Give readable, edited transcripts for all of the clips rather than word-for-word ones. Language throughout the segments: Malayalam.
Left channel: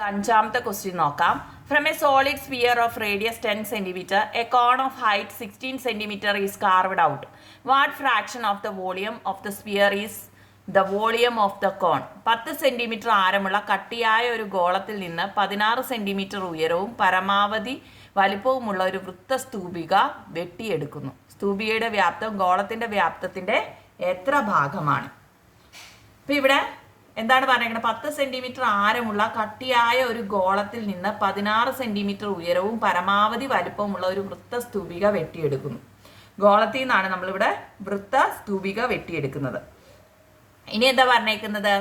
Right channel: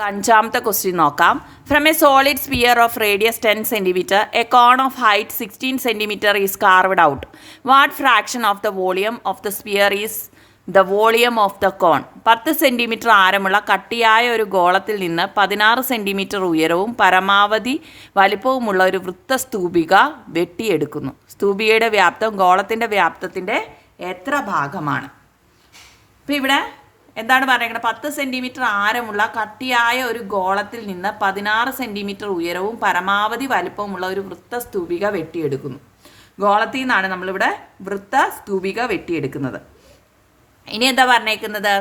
അഞ്ചാമത്തെ ക്വസ്റ്റ്യൻ നോക്കാം. From a solid sphere of radius 10 cm, a cone of height 16 cm is carved out. What fraction of the volume of the sphere is the volume of the cone? 10 centimetre ആരമുള്ള കട്ടിയായ ഒരു ഗോളത്തിൽ നിന്ന് 16 സെൻറ്റിമീറ്റർ ഉയരവും പരമാവധി വലിപ്പവുമുള്ള ഒരു വൃത്തസ്തൂപിക വെട്ടിയെടുക്കുന്നു. സ്തൂപികയുടെ വ്യാപ്തം ഗോളത്തിൻ്റെ വ്യാപ്തത്തിൻ്റെ എത്ര ഭാഗമാണ്? അപ്പോൾ ഇവിടെ എന്താണ് പറയുന്നത്? 10 സെൻറ്റിമീറ്റർ ആരമുള്ള കട്ടിയായ ഒരു ഗോളത്തിൽ നിന്ന് 16 സെൻറ്റിമീറ്റർ ഉയരവും പരമാവധി വലിപ്പവുമുള്ള ഒരു വൃത്തസ്തൂപിക വെട്ടിയെടുക്കുന്നു. ഗോളത്തിൽ നിന്നാണ് നമ്മളിവിടെ വൃത്തസ്തൂപിക വെട്ടിയെടുക്കുന്നത്. ഇനി എന്താ പറഞ്ഞേക്കുന്നത്?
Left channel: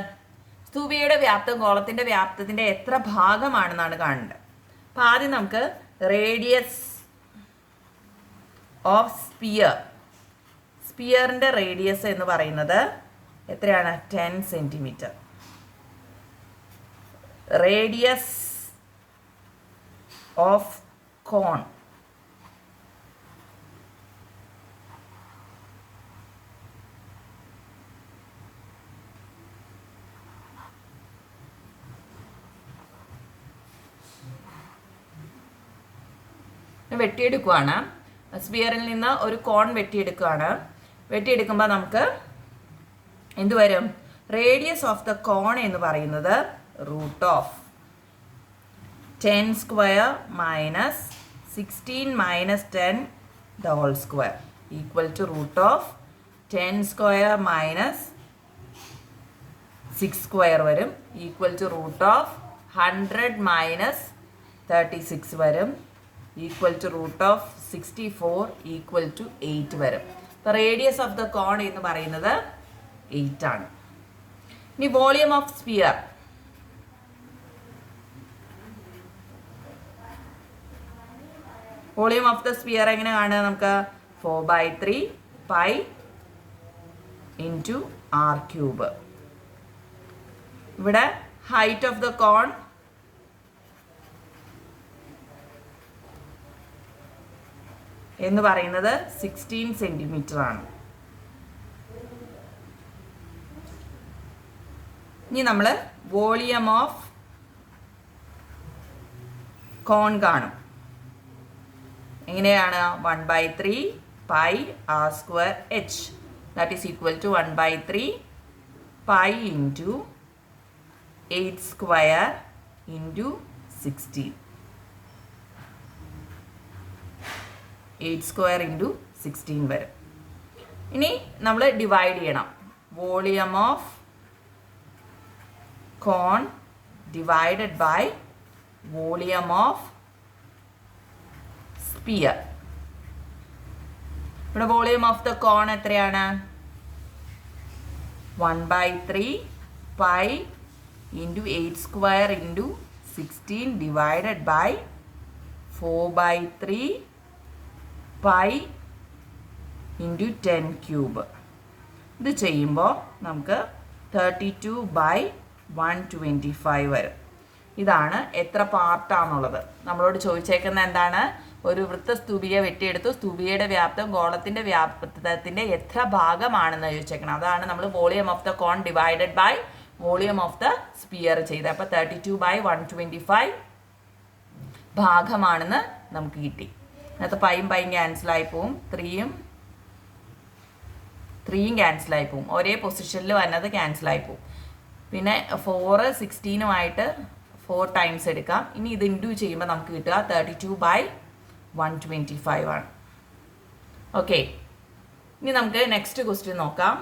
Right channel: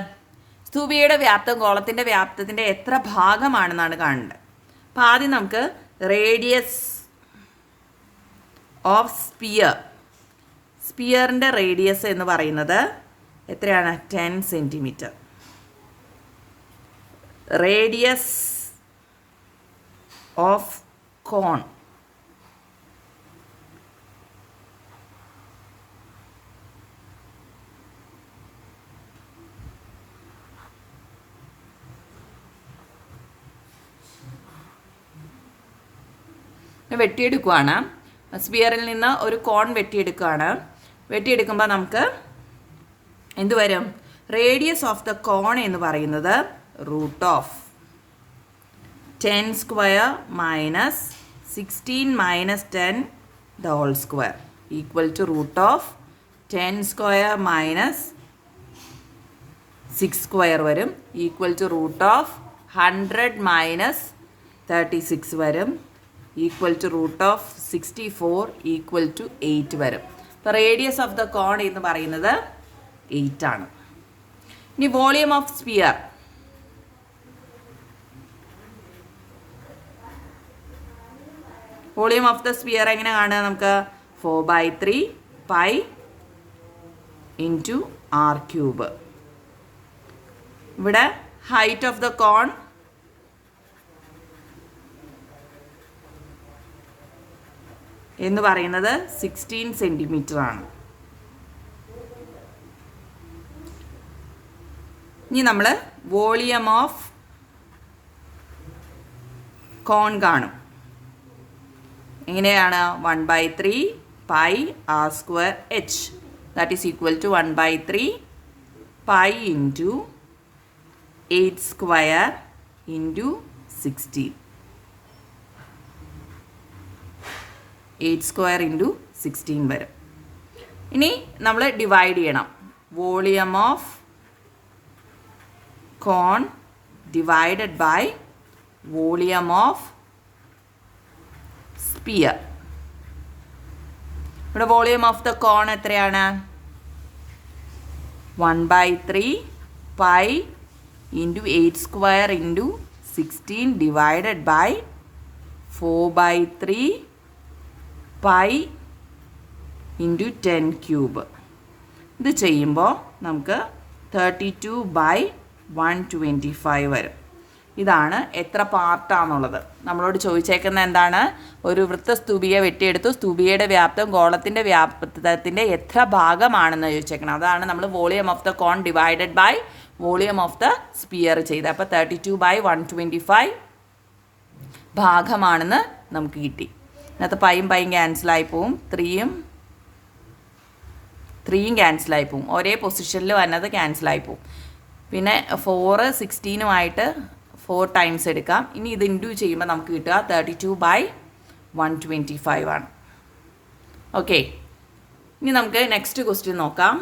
സ്തൂപികയുടെ വ്യാപ്തം ഗോളത്തിൻ്റെ വ്യാപ്തത്തിൻ്റെ എത്ര ഭാഗമാണെന്നാണ് കാണേണ്ടത്. അപ്പോൾ ആദ്യം നമുക്ക് റേഡിയസ് ഓഫ് സ്പിയറിൻ്റെ റേഡിയസ് എന്ന് പറയുന്നത് എത്രയാണ്? 10 സെൻറ്റിമീറ്റർ. റേഡിയസ് ഓഫ് കോൺ വെട്ടിയെടുക്കുകയാണ്. സ്പിയറിൽ നിന്ന് ഒരു കോൺ വെട്ടിയെടുക്കുകയാണ്. വെട്ടിയെടുക്കുമ്പോൾ നമുക്ക് എന്ത് വരും? റേഡിയസ് ഓഫ് ദ കോൺ എന്ന് പറയുന്നത് root of 10 square minus 16 minus 10 the whole square equal to root of 10 square minus 6 square വരും equal to root of 100 minus 36 വരും equal to root of 64 equal to 8 വരും. അപ്പോൾ റേഡിയസ് ഓഫ് ദ കോൺ എന്ന് പറയുന്നത് 8 ആണ്. ഇനി volume of sphere. Volume of the sphere എങ്ങനെ കാണുക? നമുക്ക് 4/3 പൈ ഇൻറ്റു ആർ ക്യൂബ്. ഇവിടെ ഹൈറ്റ് ഓഫ് ദ കോൺ എന്ന് പറയുന്നത് 16 സെൻറ്റിമീറ്റർ ആണ്. ഇനി നമ്മൾ വോളിയം ഓഫ് കോൺ കാണും. എങ്ങനെയാണ്? 1/3 pi R square H that is equal to 1/3 pi into 8 square into 16. 8 square into 16 വരും. ഇനി നമ്മൾ ഡിവൈഡ് ചെയ്യണം. Volume of cone divided by volume of sphere. ഇവിടെ വോളിയം ഓഫ് ദ കോൺ എത്രയാണ്? 1/3 pi into 8 square into 16 divided by 4/3 pi into 10 cube. ഇത് ചെയ്യുമ്പോൾ നമുക്ക് 32/125 വരും. ഇതാണ് എത്ര പാർട്ടാണുള്ളത്. നമ്മളോട് ചോദിച്ചേക്കുന്ന എന്താണ്? ഒരു വൃത്തസ്തൂപിക വെട്ടിയെടുത്തു, സ്തൂപികയുടെ വ്യാപ്തം ഗോളത്തിൻ്റെ വ്യാപ്തത്തിൻ്റെ എത്ര ഭാഗമാണെന്ന് ചോദിച്ചേക്കണം. അതാണ് നമ്മൾ volume of the cone divided by volume of the sphere ചെയ്ത്. അപ്പോൾ 32/125 ഭാഗമാണെന്ന് നമുക്ക് കിട്ടി. ഇതിനകത്ത് പൈയും ക്യാൻസലായി പോവും, 3യും ക്യാൻസലായി പോവും. ഒരേ പൊസിഷനിൽ വന്നത് ക്യാൻസലായി പോവും. പിന്നെ 4 16ഉമായിട്ട് 4 ടൈംസ് എടുക്കാം. ഇനി ഇത് ഇൻറ്റു ചെയ്യുമ്പോൾ നമുക്ക് കിട്ടുക 32/125 ആണ്. ഓക്കെ, ഇനി നമുക്ക് നെക്സ്റ്റ് ക്വസ്റ്റ്യൻ നോക്കാം.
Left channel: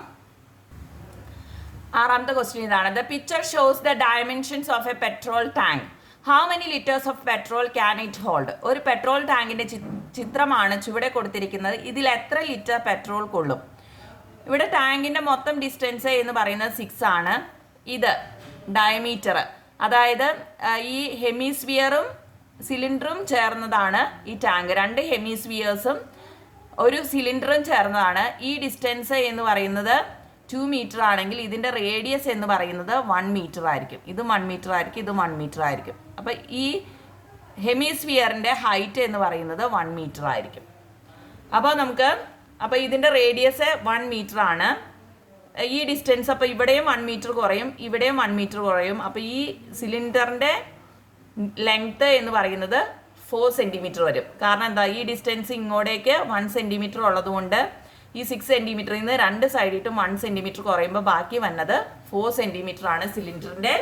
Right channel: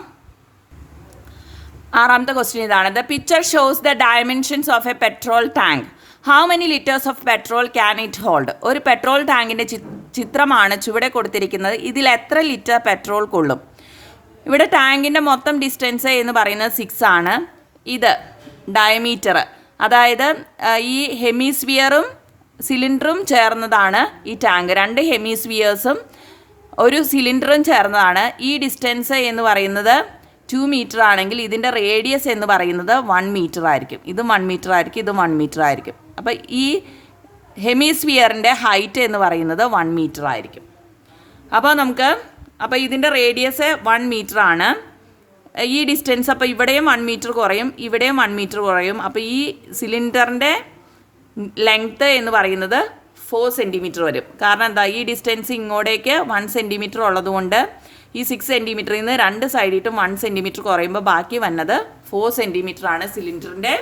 ആറാമത്തെ ക്വസ്റ്റ്യൻ ഇതാണ്. The picture shows the dimensions of A petrol tank. How many litres of petrol can it hold? ഒരു പെട്രോൾ ടാങ്കിൻ്റെ ചിത്രമാണ് ചുവടെ കൊടുത്തിരിക്കുന്നത്. ഇതിൽ എത്ര ലിറ്റർ പെട്രോൾ കൊള്ളും? ഇവിടെ ടാങ്കിൻ്റെ മൊത്തം ഡിസ്റ്റൻസ് എന്ന് പറയുന്നത് 6 ആണ്. ഇത് ഡയമീറ്റർ, അതായത് ഈ ഹെമിസ്ഫിയറും സിലിണ്ടറും ചേർന്നതാണ് ഈ ടാങ്ക്. 2 ഹെമിസ്ഫിയേഴ്സും ഒരു സിലിണ്ടറും ചേർന്നതാണ്. ഈ ഡിസ്റ്റൻസ് എന്ന് പറയുന്നത് 2 മീറ്റർ ആണെങ്കിൽ ഇതിൻ്റെ റേഡിയസ് എന്ന് പറയുന്നത് 1 മീറ്റർ ആയിരിക്കും. ഇതും 1 മീറ്റർ ആയിരിക്കും, ഇതും 1 മീറ്റർ ആയിരിക്കും. അപ്പോൾ ഈ ഹെമിസ്ഫിയറിൻ്റെ ഹൈറ്റ് എന്ന് പറയുന്നത് 1 മീറ്റർ ആയിരിക്കും. അപ്പോൾ ഇതിൻ്റെ റേഡിയസ് 1 മീറ്റർ ആണ്. ഈ ഡിസ്റ്റൻസ് അപ്പോൾ ഇവിടെയും 1 മീറ്റർ കുറയും, ഇവിടെയും 1 മീറ്റർ കുറയും. അപ്പോൾ ഈ സിലിണ്ടറിൻ്റെ ലെങ്ത് എന്ന് പറയുന്നത് 4 സെൻറ്റിമീറ്റർ വരും. കാരണം എന്താ, ഈ ഡിസ്റ്റൻസ് ഇങ്ങോട്ടേക്ക് 1 സെൻറ്റിമീറ്റർ ഉള്ളതുകൊണ്ട് ഈ 6 സെൻറ്റിമീറ്ററിൽ നിന്ന് 2 സൈഡിട്ടും 1 സെൻറ്റിമീറ്റർ കുറയുമ്പോൾ ബാക്കി വന്നത് 4 സെൻറ്റിമീറ്റർ ആണ് സിലിണ്ടറിൻ്റെ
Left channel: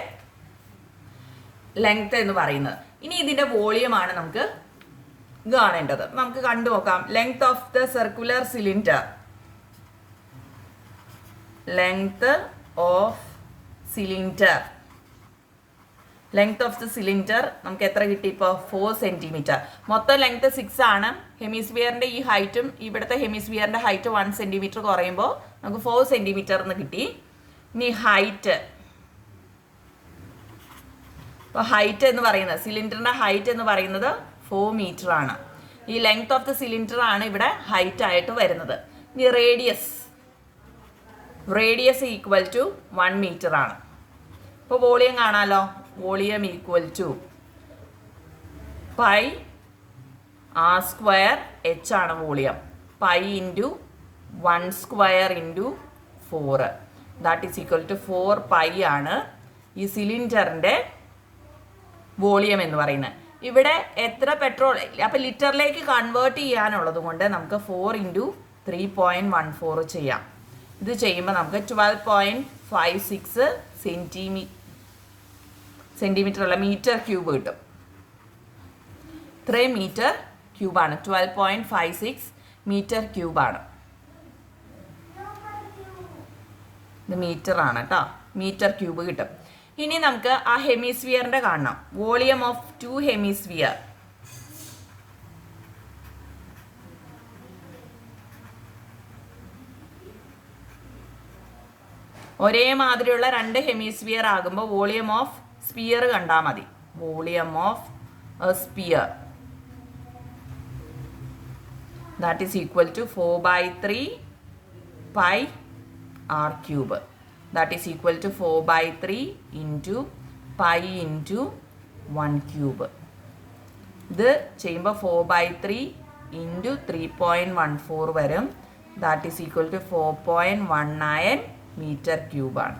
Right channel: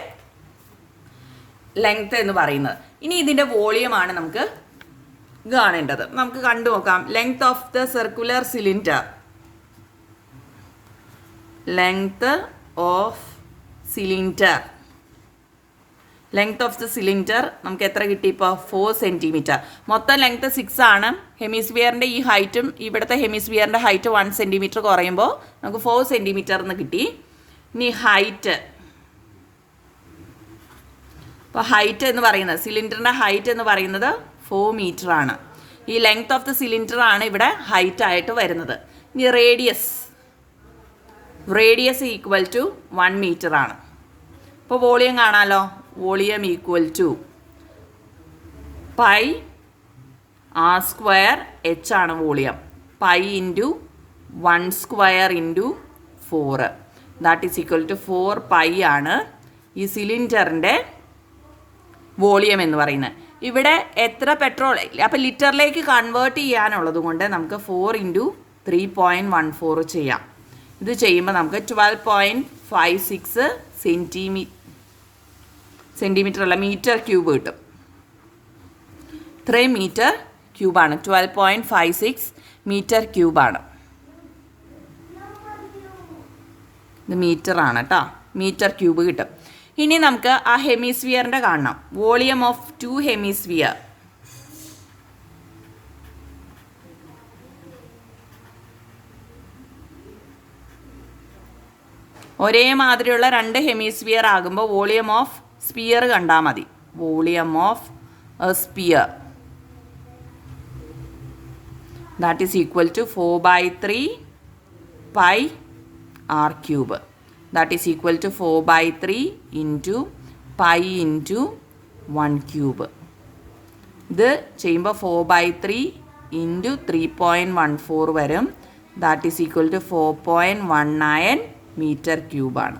ലെങ്ത് എന്ന് പറയുന്നത്. ഇനി ഇതിൻ്റെ വോളിയമാണ് നമുക്ക് കാണേണ്ടത്. നമുക്ക് കണ്ടു നോക്കാം. Length of the circular cylinder, length of cylinder, length of the cylinder നമുക്ക് എത്ര കിട്ടി ഇപ്പോൾ? 4 സെൻറ്റിമീറ്റർ. മൊത്തം ലെങ്ത് 6 ആണ്. ഹെമിസ്ഫിയറിൻ്റെ ഈ ഹൈറ്റും ഇവിടുത്തെ ഹെമിസ്ഫിയറിൻ്റെ ഹൈറ്റ് 1 സെൻറ്റിമീറ്റർ കുറയുമ്പോൾ നമുക്ക് 4 സെൻറ്റിമീറ്റർ എന്ന് കിട്ടി. ഇനി ഹൈറ്റ്, ഇപ്പോൾ ഹൈറ്റ് എന്ന് പറയുന്നത്, സിലിണ്ടറിൻ്റെ ഹൈറ്റ് എന്ന് പറയുന്നത് 4 മീറ്റർ ആണ്. ഈ ലെങ്ത് ഓഫ് ദ സിലിണ്ടർ ആണ് ഇവിടെ ഹൈറ്റ് ആയിട്ട് വരുന്നത്. ഇനി radius, radius equal to 1 metre ആണ്. ഇപ്പോൾ വോളിയം കാണാമല്ലോ. Volume equal to pi R square H ആണ് volume. Pi into 1 square into 4, that is equal to 4 pi ആണ് ഈ സിലിണ്ടറിൻ്റെ വോളിയം എന്ന് പറയുന്നത്. ഇവിടെ എത്ര പെട്രോൾ, അപ്പോൾ ലിറ്ററിലേക്ക് കൺവേർട്ട് ചെയ്യാനുള്ളത് കൊണ്ട് നമുക്ക് 4 ഇൻറ്റു 3.14 ചെയ്യാം. ഇത് ചെയ്യുമ്പോൾ നമുക്ക് 12.56 സെൻറ്റിമീറ്റർ അല്ല, മീറ്റർ ക്യൂബ് കിട്ടും. ഇത്രയും മീറ്റർ ക്യൂബാണ്. 12.56 മീറ്റർ ക്യൂബാണ്. ഇത് മീറ്റർ ആണ് കേട്ടോ. മീറ്റർ ക്യൂബ് കിട്ടും. ഇനി നമുക്ക് ആ ഹെമിസ്ഫിയറിൻ്റെ കാണണം. വോളിയം ഓഫ് 2 ഹെമിസ്ഫിയർ, ഒരേ മാതിരിയുള്ള 2 ഹെമിസ്ഫിയർ ആകുമ്പോൾ വോളിയം ഓഫ് സ്പിയർ കണ്ടാൽ മതി. Volume of a sphere that is equal to 4/3 pi R cube. That is equal to 4/3 into pi into 1 cube. ഇത് ചെയ്യുമ്പോൾ 4/3 into 3.14 വരും. That is equal to 4.19 metre ക്യൂബാണ്.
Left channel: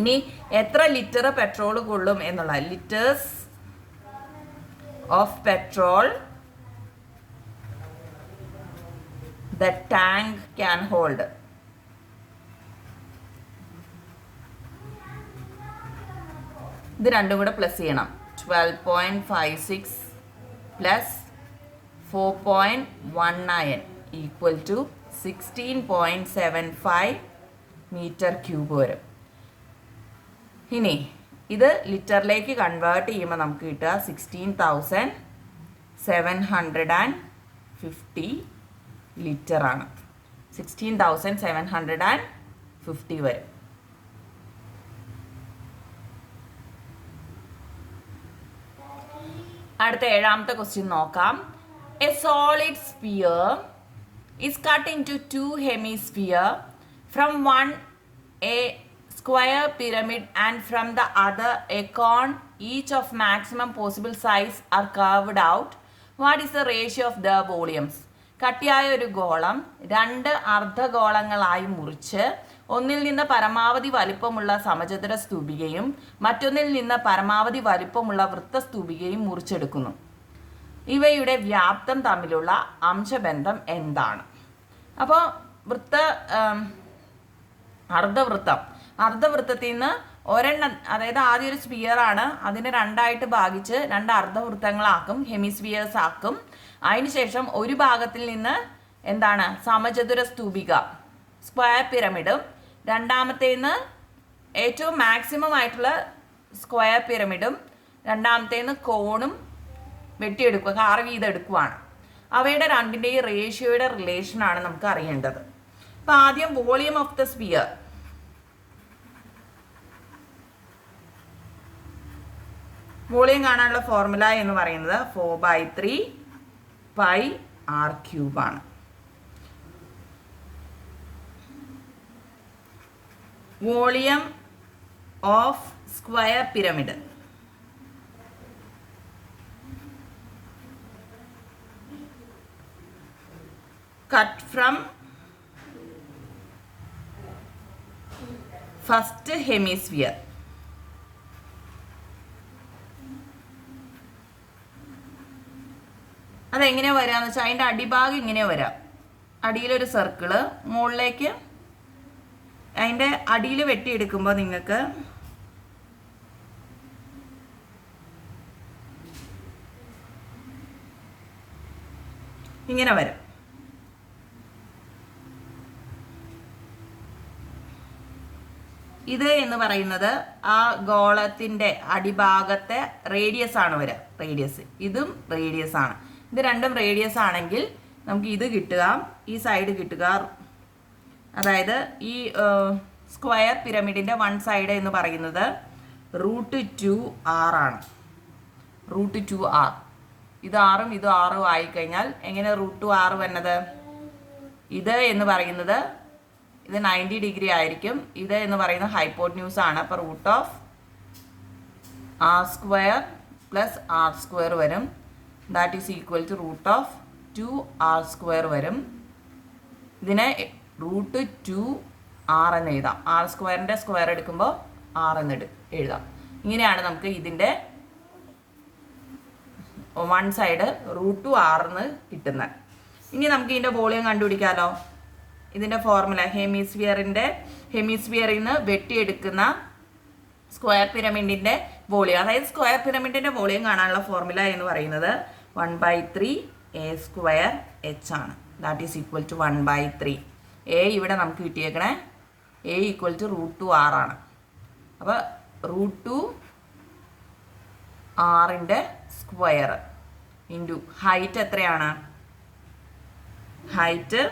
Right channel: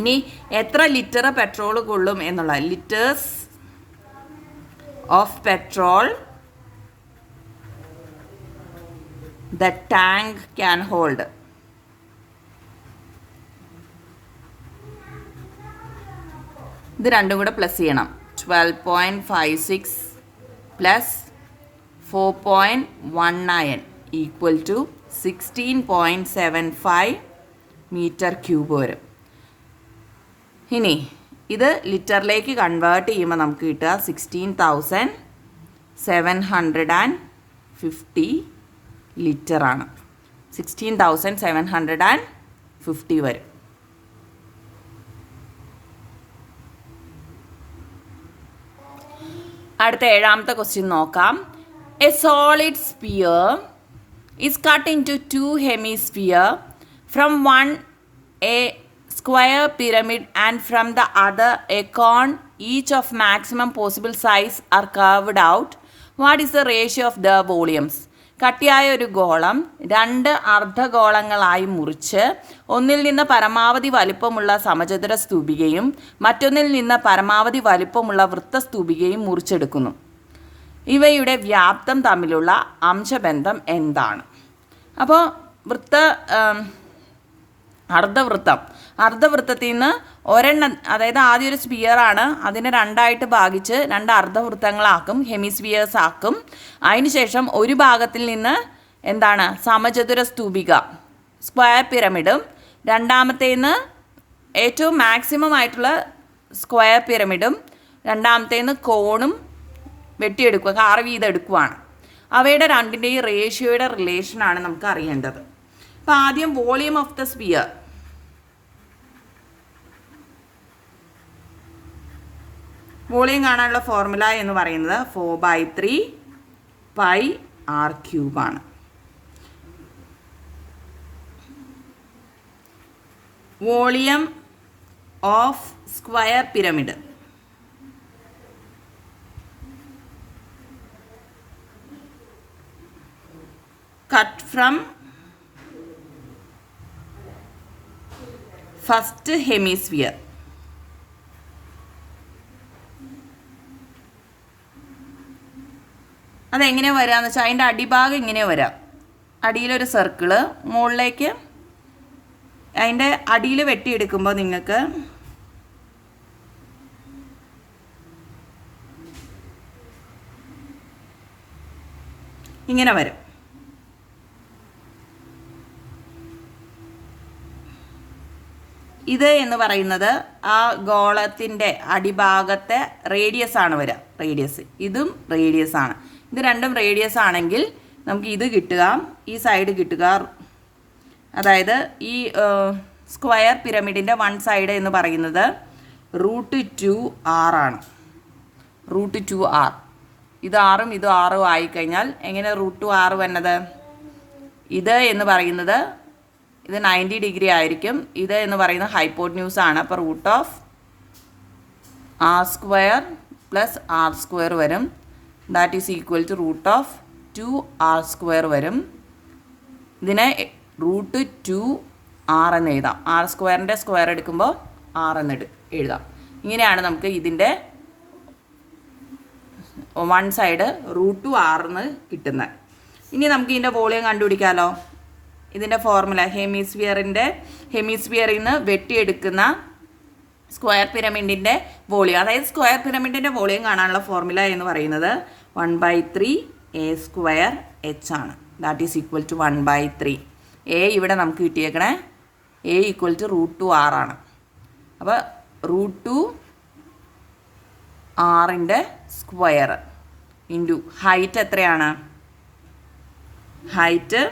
ഇനി എത്ര ലിറ്റർ പെട്രോൾ കൊള്ളും എന്നുള്ള, litres of petrol the tank can hold. ഇത് രണ്ടും കൂടെ പ്ലസ് ചെയ്യണം. 12.56 plus 4.19 equal to 16.75 metre cube വരും. ഇനി ഇത് ലിറ്ററിലേക്ക് കൺവേർട്ട് ചെയ്യുമ്പോൾ നമുക്ക് കിട്ടുക 16,750 ലിറ്ററാണ്. 16,750 വരും. അടുത്ത 7ാമത്തെ ക്വസ്റ്റ്യൻ നോക്കാം. A solid sphere is cut into 2 hemisphere, from one a square pyramid and from the other a cone, each of maximum possible size are carved out. What is the ratio of the volumes? കട്ടിയായ ഒരു ഗോളം 2 അർദ്ധഗോളങ്ങളായി മുറിച്ച് ഒന്നിൽ നിന്ന് പരമാവധി വലിപ്പമുള്ള സമചതുര സ്തൂപികയും മറ്റൊന്നിൽ നിന്ന് പരമാവധി വലിപ്പമുള്ള വൃത്തസ്തൂപികയും മുറിച്ചെടുക്കുന്നു. ഇവയുടെ വ്യാപ്തം തമ്മിലുള്ള അംശബന്ധം എന്താണ്? അപ്പോൾ അർദ്ധവൃത്തത്തിൽ നിന്ന് ഒരെണ്ണം, അതായത് ആദ്യം ഒരു സ്പിയറാണ്, അതിനെ 2ആയിട്ട് ഭാഗിച്ച് 2 അർദ്ധവൃത്തങ്ങളാക്കും, ഹെമിസ്ഫിയേഴ്സ് ആക്കും. അതിനുശേഷം ഒരു ഭാഗത്തിൽ നിന്ന് എന്താണ്, സമചതുര സ്തൂപിക സ്ക്വയർ പിരമിഡും, രണ്ടാമത്തേന്ന് ഏറ്റവും മാക്സിമം ആയിട്ടുള്ള സ്ക്വയർ പിരമിഡും, രണ്ടാമത്തേന്ന് കോണും വെട്ടിയെടുക്കുക, കാർവ് ചെയ്തെടുക്കുകയാണ്. അവയുടെ രണ്ടിൻ്റെയും റേഷ്യോയുടെ റിലേഷനാണ് നമുക്ക് അറിയേണ്ടത്. അപ്പോൾ ആദ്യം volume of the sphere, volume കാണാനുള്ള ഫോർമുല എന്ന് പറയുന്നത് 4/3 പൈ ആർ ക്യൂബാണ്. Volume of square pyramid, cut from first hemisphere. അതെങ്ങനെയാണ് വരാമെന്ന് വെച്ചാൽ അതിൻ്റെ അടിഭാഗം ഇങ്ങനെ വരാം. അടിയിലൊരു സർക്കിള്, മുകളിലേക്ക് അതിൻ്റെ അടിയിൽ വെട്ടിയെടുക്കുമ്പോൾ നിങ്ങൾക്ക് ഇങ്ങനെ വരും. ഇത് എന്ന് പറയുന്നത് ആ ഗോളത്തിൻ്റെ അടിഭാഗത്തെ റേഡിയസ് ആണ് വരിക. റേഡിയസ് ഇതും റേഡിയസ് ആണ്. ഇത് രണ്ടും റേഡിയസ് ആണെങ്കിൽ നമുക്ക് ഇത് കിട്ടുക, ഈ സൈഡ് കിട്ടുക. അതായത് ഈ സ്ക്വയർ പിരമിഡിൻ്റെ വൺ സൈഡ് എന്ന് പറയുന്നത് √2r ആണ്. √2r. ഇത് ആറും ഇത് ആറും ആയിക്കഴിഞ്ഞാൽ എങ്ങനെ √2r വന്നത്? ഇത് എന്ന് പറയുന്നത് ഇത് 90 ഡിഗ്രി ആയിരിക്കും. ഇത് എന്ന് പറയുന്നത് ഹൈപ്പോട്ന്യൂസ് ആണ്. അപ്പോൾ √r² + r² വരും. That is equal to √2r² വരും. ഇതിനെ √2r എന്ന് എഴുതാം. r² സ്ക്വയർ എടുക്കുമ്പോൾ r എന്ന് എഴുതാം. ഇങ്ങനെയാണ് നമുക്ക് ഇതിൻ്റെ വൺ സൈഡ് √2r എന്ന് കിട്ടുന്നത്. ഇനി നമുക്ക് ഇതിൻ്റെ വോളിയം കണ്ടുപിടിക്കാമല്ലോ. ഇതിൻ്റെ ഫോർമുല ഹെമിസ്ഫിയറിൽ നിന്ന് വെട്ടിയെടുക്കുന്ന സ്ക്വയർ പിരമിഡിൻ്റെ വോളിയം, അതായത് സ്ക്വയർ പിരമിഡിൻ്റെ വോളിയം കാണാനുള്ള ഫോർമുല എന്ന് പറയുന്നത് 1/3a² ആണ്. That is equal to 1/3. a ഇവിടെ നമുക്ക് കിട്ടിയേക്കണേ a ഈക്വൽ ടു √2r ആണ്. അപ്പോൾ √2r സ്ക്വയർ ഇൻറ്റു ഹൈറ്റ് എത്രയാണ്? ഹൈറ്റ്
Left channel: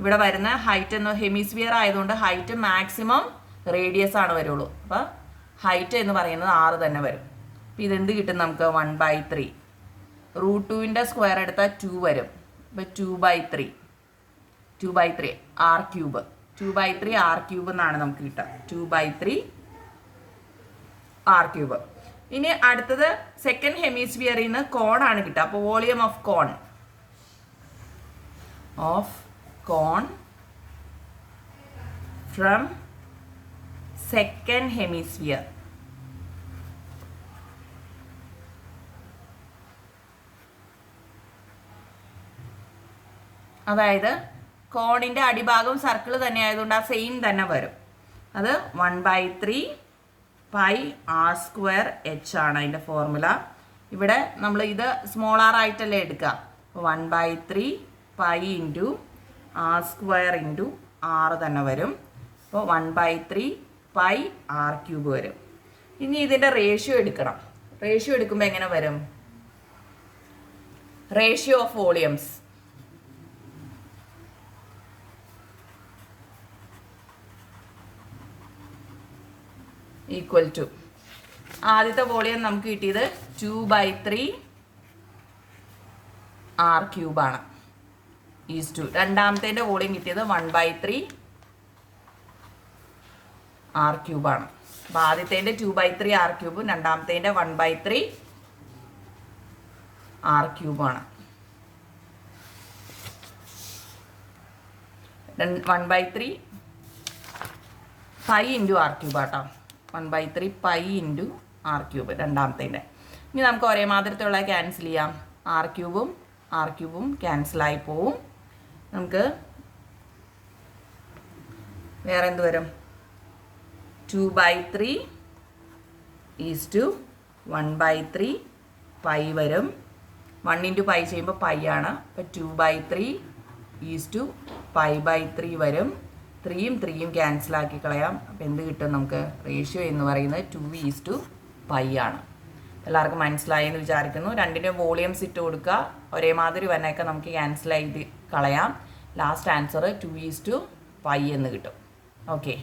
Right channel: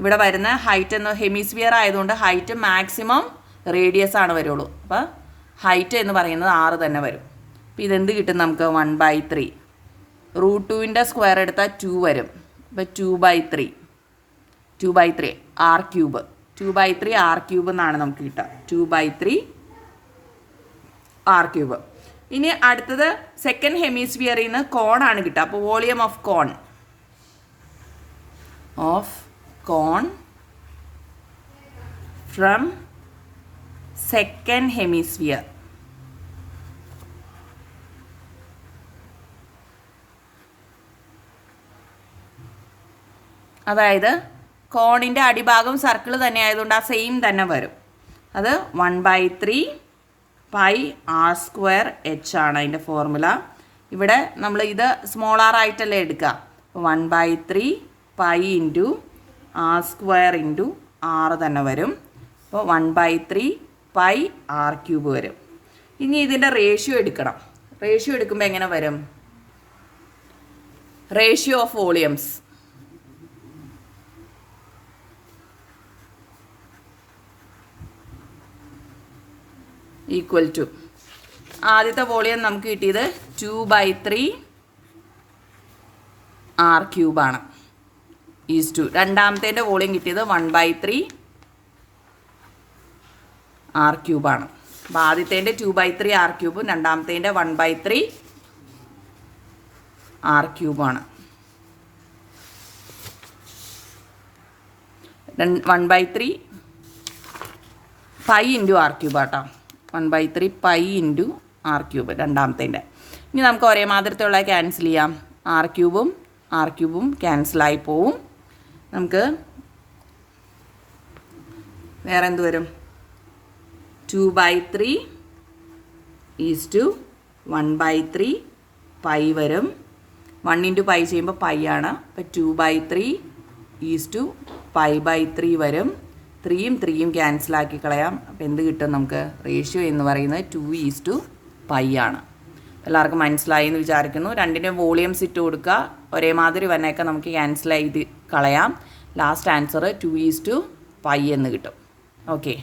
ഇവിടെ വരുന്ന ഹൈറ്റ് എന്ന് ഹെമിസ്ഫിയർ ആയതുകൊണ്ട് ഹൈറ്റ് മാക്സിമം റേഡിയസ് ആണ് വരുള്ളൂ. അപ്പോൾ ഹൈറ്റ് എന്ന് പറയുന്നത് 6 തന്നെ വരും. അപ്പോൾ ഇതെന്ത് കിട്ടും നമുക്ക്? 1/3. √2ൻ്റെ സ്ക്വയർ എടുത്താൽ 2 വരും. അപ്പോൾ 2/3 r³ 2/3 r³ എന്നാണ് നമുക്ക് കിട്ടുക. 2/3 r³. ഇനി അടുത്തത് സെക്കൻഡ് ഹെമിസ്ഫിയറിൽ നിന്ന് കോണാണ് കിട്ടുക. അപ്പോൾ volume of cone from second hemisphere. അതായത് കോണിൻ്റെ അടിഭാഗം സർക്കിൾ തന്നെ ആയതുകൊണ്ട് ആ സെയിം തന്നെ വരും. അത് 1/3 πr² ആണ് അതിൻ്റെ ഫോർമുല. ഇവിടെ നമ്മൾ ഇത് സ്മോൾ r ആയിട്ടല്ലേ എടുക്കുക. 1/3 π × r² × r തന്നെ വരും. അപ്പോൾ 1/3 πr³ വരും. ഇനി ഇതിൻ്റെ റേഷ്യോ എടുക്കണം. റേഷ്യോ എടുക്കുമ്പോൾ എങ്ങനെ വരും? Ratio of volumes equal to ആദ്യത്തെ വോളിയം നമുക്ക് കിട്ടിയത് 2/3 r³ ആണ്. ഈസ് ടു രണ്ടാമത്തേൻ്റെ വോളിയം കിട്ടിയത് 1/3 r³ ആണ്. അപ്പോൾ ആദ്യത്തേൻ്റെ 2/3 r³ രണ്ടാമത്തേൻ്റെ 1/3 r³ ആണ്. 1/3 π × r³ ആട്ടോ. 1/3 π × r³ രണ്ടാമത്തേൻ്റെ. ഇനി നമുക്ക് ഒരേ മാതിരത്തുള്ള ക്യാൻസൽ ചെയ്യാം. r³ ക്യാൻസലായി പോവും. നമുക്ക് വേറെ എന്ത് വരും? 2/3 = 1/3 π വരും. 1 × π ചെയ്യുമ്പോൾ π ആണ്. അപ്പോൾ 2/3 π/3 വരും. 3യും 3യും ക്യാൻസലാക്കി കളയാം. അപ്പോൾ എന്ത് കിട്ടും നമുക്ക്? റേഷ്യോ എന്ന് പറയുന്നത് 2:π ആണ്. എല്ലാവർക്കും മനസ്സിലായി എന്ന് വിചാരിക്കുന്നു. രണ്ടിൻ്റെ വോളിയംസ് ഇട്ട് കൊടുക്കുക. ഒരേ മാതിരി വന്നേക്കെ നമുക്ക് ക്യാൻസൽ ചെയ്ത് കളയാം. ലാസ്റ്റ് ആൻസർ 2:π എന്ന് കിട്ടും. ഓക്കെ.